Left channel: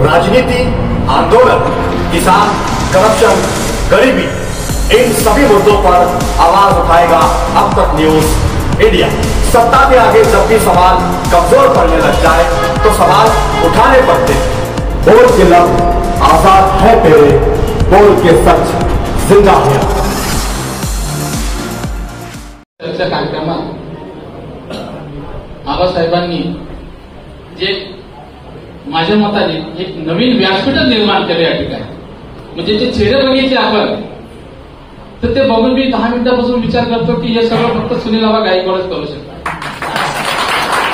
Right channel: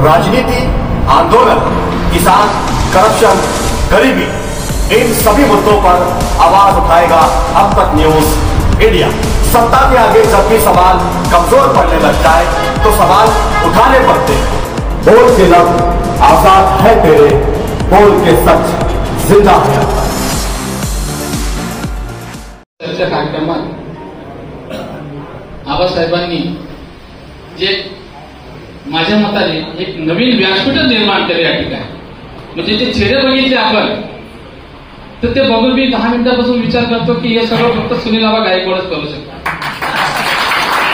राजनीति, आंदोलन, किसान, करप्शन, गरीबी, इन सभी मुद्दों पर आवाज उठाएगा अब तक न्यूज इंडिया। सत्ता के आगे जब भी सवाल कमजोर पड़ने लगता है तो सवाल उठाने पड़ते हैं। बोल के लफ्ज आजाद है तेरे, बोल के सच जिंदा है। कार्यक्रमात आबासाहेबांनी जे माझ्या मताने एक नवीन व्यासपीठच निर्माण केलं या ठिकाणी. म्हणजे जे चेहरे बघितले आपण तर ते बघून मी 10 मिनिटापासून विचार करतो की हे सर्व फक्त सुनील आबा गायकवाडच करू शकतात.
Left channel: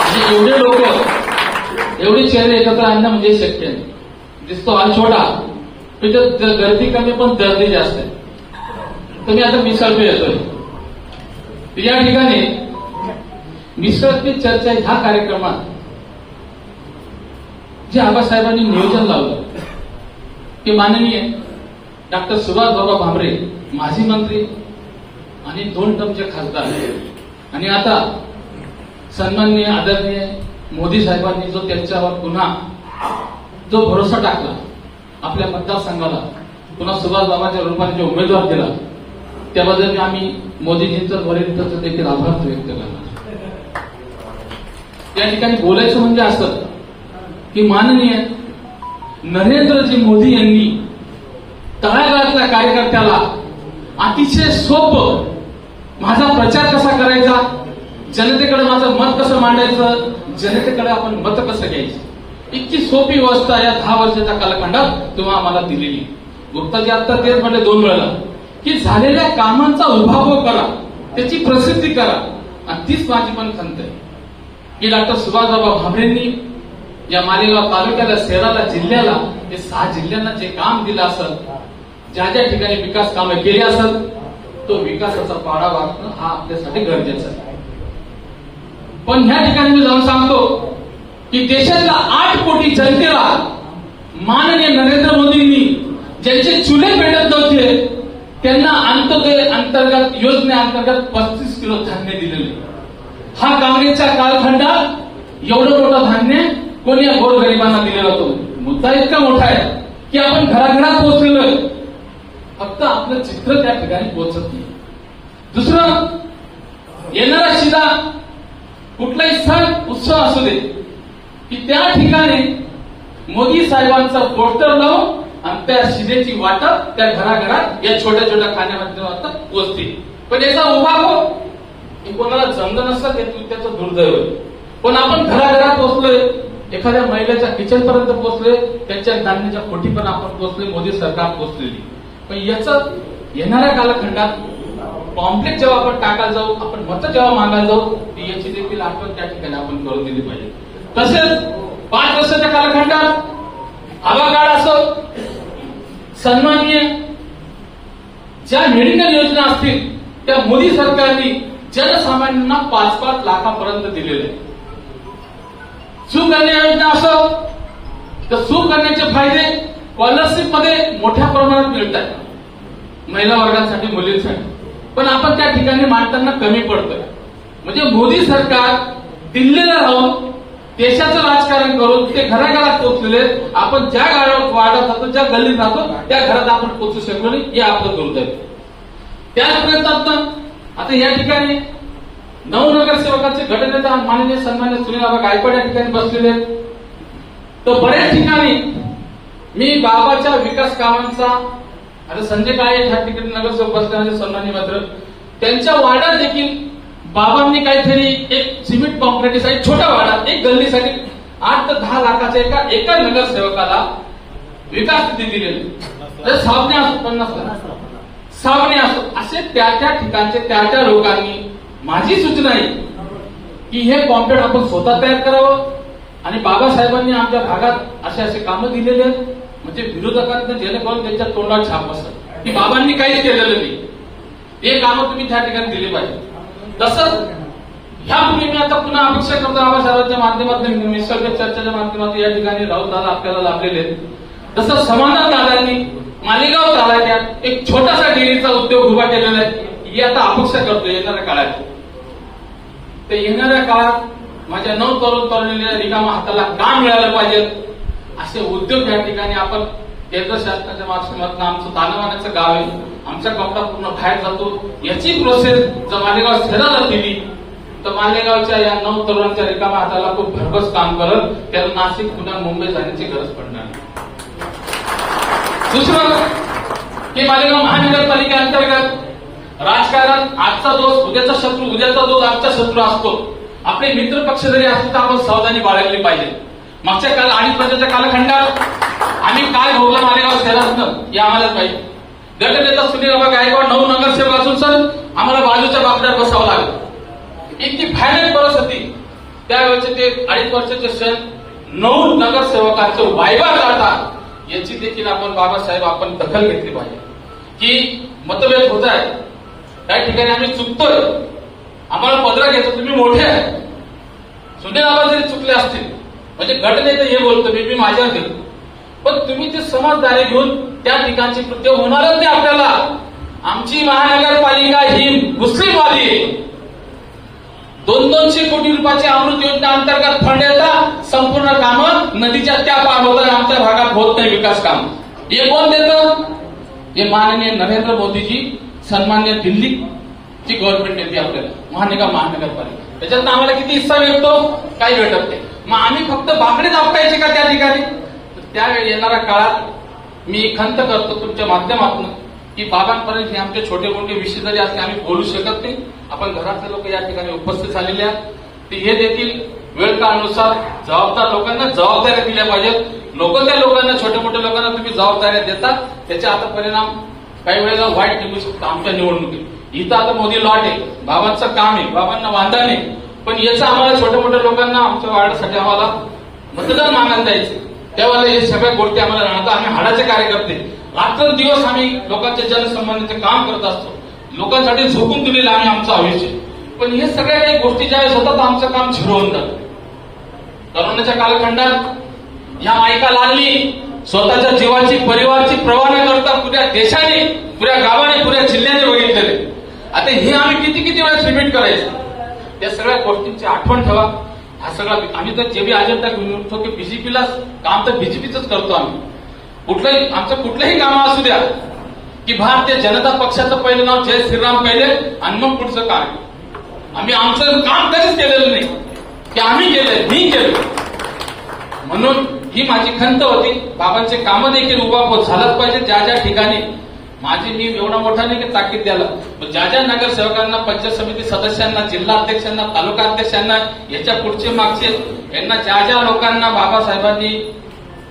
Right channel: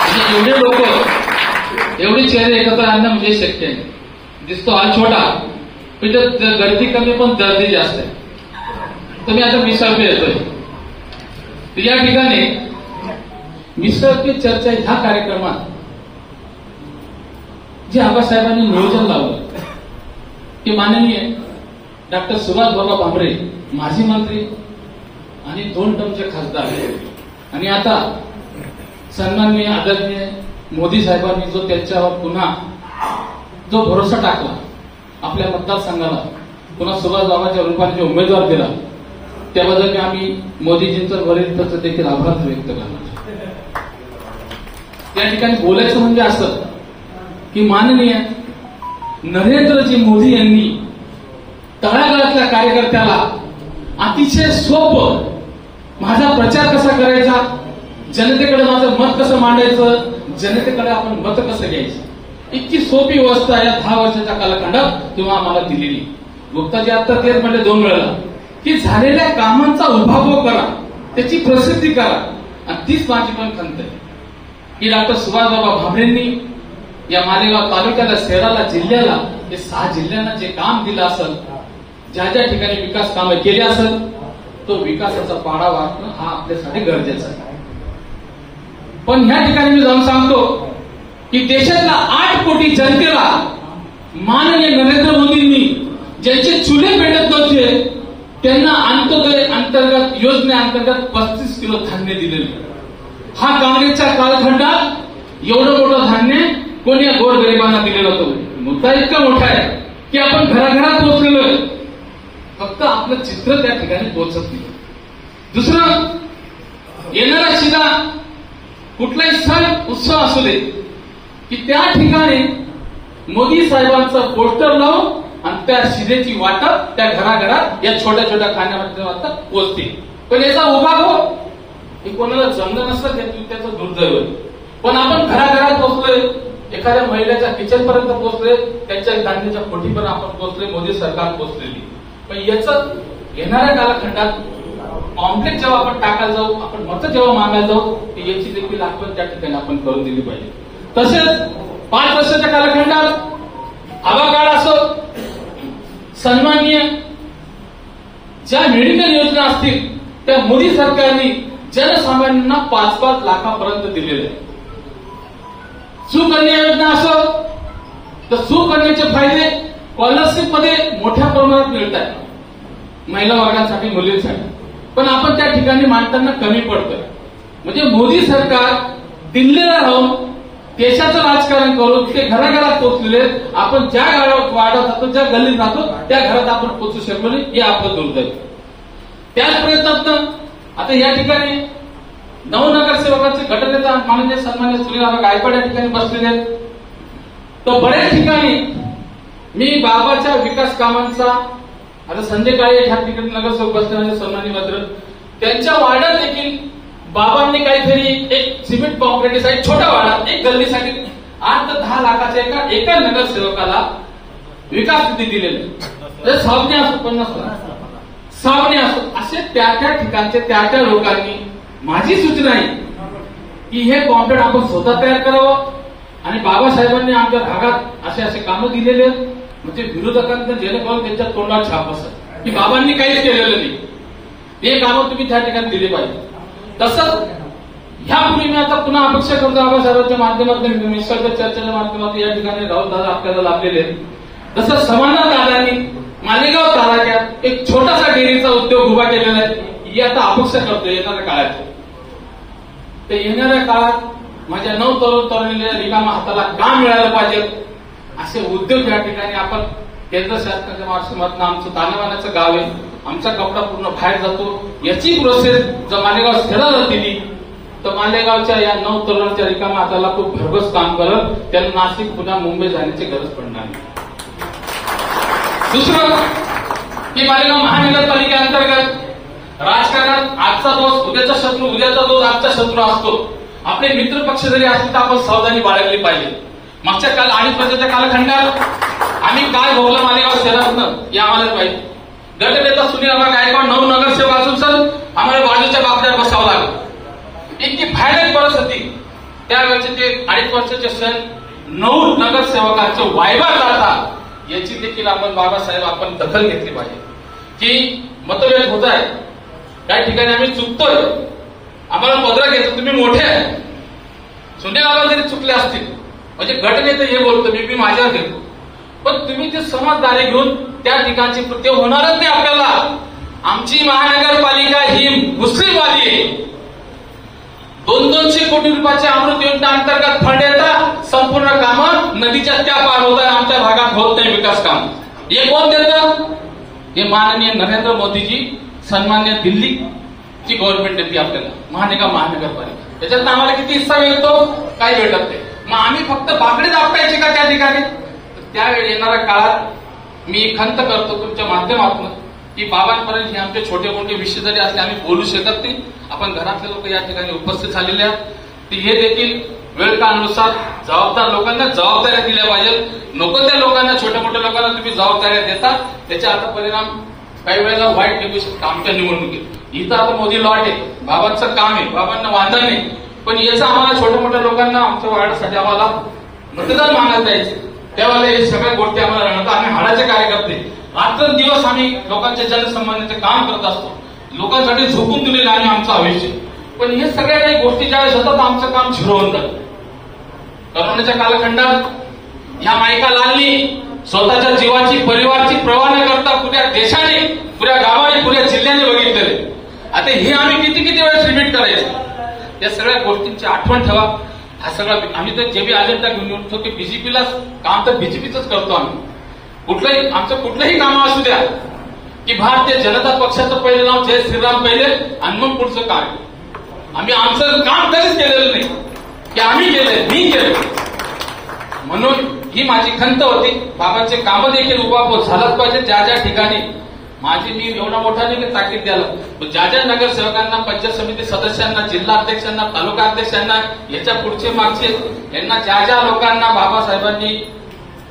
म्हणजे एवढे लोक एवढे चेहरे एकत्र आणणं म्हणजे शक्य नाही. दिसतो हॉल छोटा पण गर्दी कमी पण दर्दी जास्त आहे. तुम्ही आता मिसळ पे येतोय तर या ठिकाणी मिसळ पे चर्चा ह्या कार्यक्रमात जे आबासाहेबांनी नियोजन लावलं ते माननीय डॉक्टर सुभाषबाबा भामरे माजी मंत्री आणि 2 टर्मचे खासदार आणि आता सन्माननीय आदरणीय मोदी साहेबांनी जो त्यांच्यावर पुन्हा जो भरोसा टाकला आपल्या मतदारसंघाला पुन्हा सुभाषबाबाच्या रूपाने जो उमेदवार दिला त्याबद्दल आम्ही मोदीजींचं वरिष्ठ देखील आभार व्यक्त करणार. या ठिकाणी बोलायचं म्हणजे असं की माननीय नरेंद्रजी मोदी यांनी तळागाळातल्या कार्यकर्त्याला अतिशय सोपं माझा प्रचार कसा करायचा, जनतेकडे माझं मत कसं मांडायचं, जनतेकडे आपण मत कसं घ्यायचं, इतकी सोपी व्यवस्था या 10 वर्षाच्या कालखंडात तुम्हाला आम्हाला दिलेली. गुप्ताजी आता तेच म्हणले 2 वेळा की झालेल्या कामांचा उभाव करा, त्याची प्रसिद्धी करा. आणि तीच माझी पण खंत आहे की डॉक्टर सुभाषबाबा भामरेंनी या मालेगाव तालुक्याला, शहराला, जिल्ह्याला, ते 6 जिल्ह्यांना जे काम दिलं असेल, ज्या ज्या ठिकाणी विकास कामं केली असेल तो विकासाचा पाडा वाटणं हा आपल्यासाठी गरजेचा आहे. पण ह्या ठिकाणी मी जाऊन सांगतो की देशातल्या 8 कोटी जनतेला माननीय नरेंद्र मोदींनी ज्यांचे चुले पेटत नव्हते त्यांना अंत्योदय अंतर्गत योजनेअंतर्गत 35 किलो धान्य दिलेले. हा काँग्रेसच्या कालखंडात एवढं मोठं धान्य कोणी गोरगरिबांना दिलेलं होतं. मुद्दा इतका मोठा आहे की आपण घराघरात पोहोचलेलो आहे, फक्त आपलं चित्र त्या ठिकाणी पोहोचत नाही. दुसरं, येणारा शिदा कुठलाही सण उत्सव असू दे की त्या ठिकाणी मोदी साहेबांचा पोस्टर लावून आणि त्या शिदेची वाटप त्या घराघरात या छोट्या छोट्या खाण्यामध्ये पोचते. पण याचा उभा हो हे कोणाला जमलं नसलं त्याचं दुर्दैव आहे. पण आपण घराघरात पोहोचलोय, एखाद्या महिलेच्या किचनपर्यंत पोहोचले, त्यांच्या धान्याच्या कोठीपर्यंत आपण पोहोचले, मोदी सरकार पोहोचलेली. पण याचं येणाऱ्या कालखंडात कॉम्प्लेक्स जेव्हा आपण टाकायला जाऊ, आपण मतं जेव्हा मागायला जाऊ, याची देखील आठवण त्या ठिकाणी आपण करून दिली पाहिजे. तसेच 5 वर्षाच्या कालखंडात आवाकाळ असो, सन्माननीय ज्या मेडिकल योजना असतील त्या मोदी सरकारने जनसामान्यांना 5-5 लाखापर्यंत दिलेले. सुकन्या योजना असो तर सुकन्याचे फायदे स्कॉलरशिप मध्ये मोठ्या प्रमाणात मिळत आहेत महिला वर्गासाठी, मुलींसाठी. पण आपण त्या ठिकाणी मांडताना कमी पडतोय. म्हणजे मोदी सरकार दिल्लीला राहून देशाचं राजकारण करून ते घराघरात पोहोचलेले, आपण ज्या गावात वाढत जातो, ज्या गल्लीत जातो त्या घरात आपण पोहोचू शकलो नाही, हे आपलं दुर्दैव. त्याच प्रयत्नात आता या ठिकाणी नवनगरसेवकाचे गटनेते माननीय सन्मान्य सुनील आबा गायकवाड या ठिकाणी बसलेले आहेत. तर बऱ्याच ठिकाणी मी बाबाच्या विकास कामांचा, आता संजय काळे ह्या ठिकाणी नगरसेवक बसलेले सन्मान्य मात्र त्यांच्या वाड्यात देखील बाबांनी काहीतरी एक सिमेंट कॉन्क्रीटसाठी छोट्या वाड्यात एक गल्लीसाठी 8 ते 10 लाखाच्या एका नगरसेवकाला विकास निधी दिलेले. सावने असो, 50 लाख सावने असो, असे त्या ठिकाणचे त्या लोकांनी माझी सूचना आहे की हे कॉम्प्लेक्स आपण स्वतः तयार करावं. आणि बाबासाहेबांनी आमच्या भागात असे कामं दिलेले आहेत, म्हणजे विरोधकांना जेणेकरून त्यांच्या तोंडात छाप असत की बाबांनी काहीच केलेलं नाही, हे कामं तुम्ही त्या ठिकाणी दिली पाहिजे. तसंच ह्यापूर्वी मी आता पुन्हा अपेक्षा करतो आबासाहेबांच्या माध्यमातून, निसर्ग चर्चेच्या माध्यमातून या ठिकाणी राहुल दादा आपल्याला लाभलेले आहेत. तसंच समाधान दादांनी मालेगाव तालुक्यात एक छोटासा डेअरीचा उद्योग उभा केलेला आहे, ही आता अपेक्षा करतो येणाऱ्या काळात. तर येणाऱ्या काळात माझ्या 9 तरुण तरुणीला रिकामा हाताला काम मिळालं पाहिजे. असे उद्योग या ठिकाणी आपण केंद्र शासनाच्या माध्यमातून आमचं दानवाण्याचं गाव आहे, आमचा कपडा पूर्ण बाहेर जातो, याची प्रोसेस जर मालेगाव शहराला दिली तर मालेगावच्या या 9 तरुणांच्या रिकाम्या हाताला खूप भरघोस काम करत त्याला नाशिक, पुण्या, मुंबई जाण्याची गरज पडणार नाही. दुसरं की मालेगाव महानगरपालिकेअंतर्गत राजकारणात आजचा दोष उद्याचा शत्रू, उद्याचा दोष आजचा शत्रू असतो. आपले मित्र पक्ष जरी असतील तर आपण सावधानी बाळगली पाहिजे. मागच्या काल आणि सध्याच्या कालखंडात आम्ही काय भोगलं मालेगाव शहरातून हे आम्हालाच माहिती. गटनेता सुनील गायकवाड 9 नगरसेवक असून सर आम्हाला बाजूच्या बाबतीत बसावं लागलं. इतकी भयानक परिस्थिती. त्यावेळेचे ते 2.5 वर्षाचे सण 9 नगरसेवकांचे वायवा काढतात याची देखील आपण बाबासाहेब आपण दखल घेतली पाहिजे की मतभेद होत आहे त्या ठिकाणी आम्ही चुकतोय, आम्हाला पदरा घ्यायचं, तुम्ही मोठे आहे. सुनील बाबा जरी चुकले असतील म्हणजे घटनेचं हे बोलतो मी माझ्यावर घेतो, पण तुम्ही ते समजदारी घेऊन त्या ठिकाणची कृत्य होणारच नाही. आपल्याला आमची महानगरपालिका ही मुस्लिमवादी आहे. 200 कोटी रुपयाच्या अमृत योजना अंतर्गत फंड येतात, संपूर्ण कामं नदीच्या त्या पार होत आहे, आमच्या भागात होत नाही विकास काम. हे कोण देतं? हे माननीय नरेंद्र मोदीजी, सन्मान्य दिल्लीची गव्हर्नमेंट देते आपल्याला महानगरपालिका. त्याच्यात आम्हाला किती हिस्सा मिळतो? काही भेटत नाही. मग आम्ही फक्त बाकडे दाबटायचे का त्या ठिकाणी? त्यावेळी येणाऱ्या काळात मी खंत करतो तुमच्या माध्यमातून की बाबांपर्यंत हे आमचे छोटे मोठे विषय जरी असले आम्ही बोलू शकत नाही. आपण घरातले लोक या ठिकाणी उपस्थित झालेले आहेत, ते हे देखील वेळ काळानुसार जबाबदार लोकांना जबाबदाऱ्या दिल्या पाहिजेत. नको त्या लोकांना, छोट्या मोठ्या लोकांना तुम्ही जबाबदाऱ्या देता, त्याचे आता परिणाम काही वेळेला वाईट निघू शकतो आमच्या निवडणुकीत. इथं आता मोदी लॉट आहे, बाबांचं काम आहे, बाबांना वांधा नाही, पण याचं आम्हाला छोट्या मोठ्या लोकांना आमच्या वार्डासाठी आम्हाला मतदान मागायला जायचं. त्यावेळेला हे सगळ्या गोष्टी आम्हाला जाणवतात. आम्ही हाडाचे कार्यकर्ते, रात्रंदिवस आम्ही लोकांच्या जनसंबंधाचे काम करत असतो, लोकांसाठी झोकून दिलेलं आम्ही आमचं आयुष्य. पण हे सगळ्या काही गोष्टी ज्यावेळेस होतात आमचं काम झिरवून जातं. करोनाच्या कालखंडात ह्या मायका लागली, स्वतःच्या जीवाची, परिवारची पर्वा न करता पुऱ्या देशाने, पुऱ्या गावाने, पुऱ्या जिल्ह्याने बघितलेले. आता हे आम्ही किती वेळेस रिपीट करायचं? या सगळ्या गोष्टींची आठवण ठेवा. हा सगळा आम्ही तर जे बी अजेंडा घेऊन येतो की बीजेपीला काम तर बीजेपीच करतो आम्ही. कुठलंही आमचं कुठलंही काम असू द्या की भारतीय जनता पक्षाचं पहिलं नाव जय श्रीराम पहिले आणि मग पुढचं काय. आम्ही आमचं काम कधीच केलेलं नाही की आम्ही केलंय, मी केलं. म्हणून ही माझी खंत होती. बाबांचे कामं देखील उभारत झालंच पाहिजे. ज्या ज्या ठिकाणी माझी मी एवढा मोठा नाही की ताकीद द्यायला, ज्या ज्या नगरसेवकांना, पंचायत समिती सदस्यांना, जिल्हा अध्यक्षांना, तालुका अध्यक्षांना, याच्या पुढचे मागचे यांना ज्या ज्या लोकांना बाबासाहेबांनी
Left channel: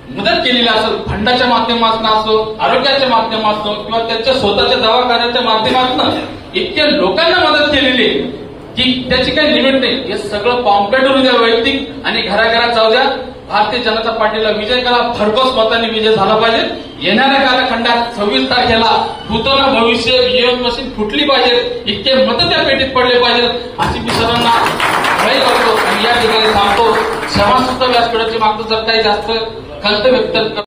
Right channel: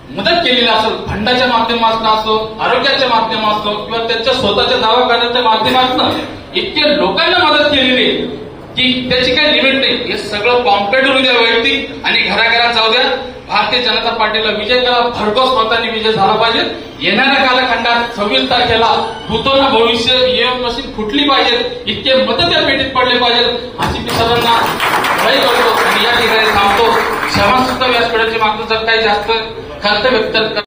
मदत केलेली असेल, फंडाच्या माध्यमातून असो, आरोग्याच्या माध्यमातून असो किंवा त्यांच्या स्वतःच्या दवाखान्याच्या माध्यमातून इतक्या लोकांना मदत केलेली की त्याची काही लिमिट नाही. हे सगळं पॉम्प्लेट होऊ द्या वैयक्तिक आणि घराघरात जाऊ द्या. भारतीय जनता पार्टीला विजय करा, भरघोस मतांनी विजय झाला पाहिजे. येणाऱ्या कालखंडात 26 तारखेला भूतोन भविष्य ईव्हीएम मशीन फुटली पाहिजे, इतके मतं त्या पेटीत पडले पाहिजेत अशी मी सर्वांना करतो आणि या ठिकाणी थांबतो. समस्त व्यासपीठाच्या मागचं जर काही जास्त खर्च व्यक्त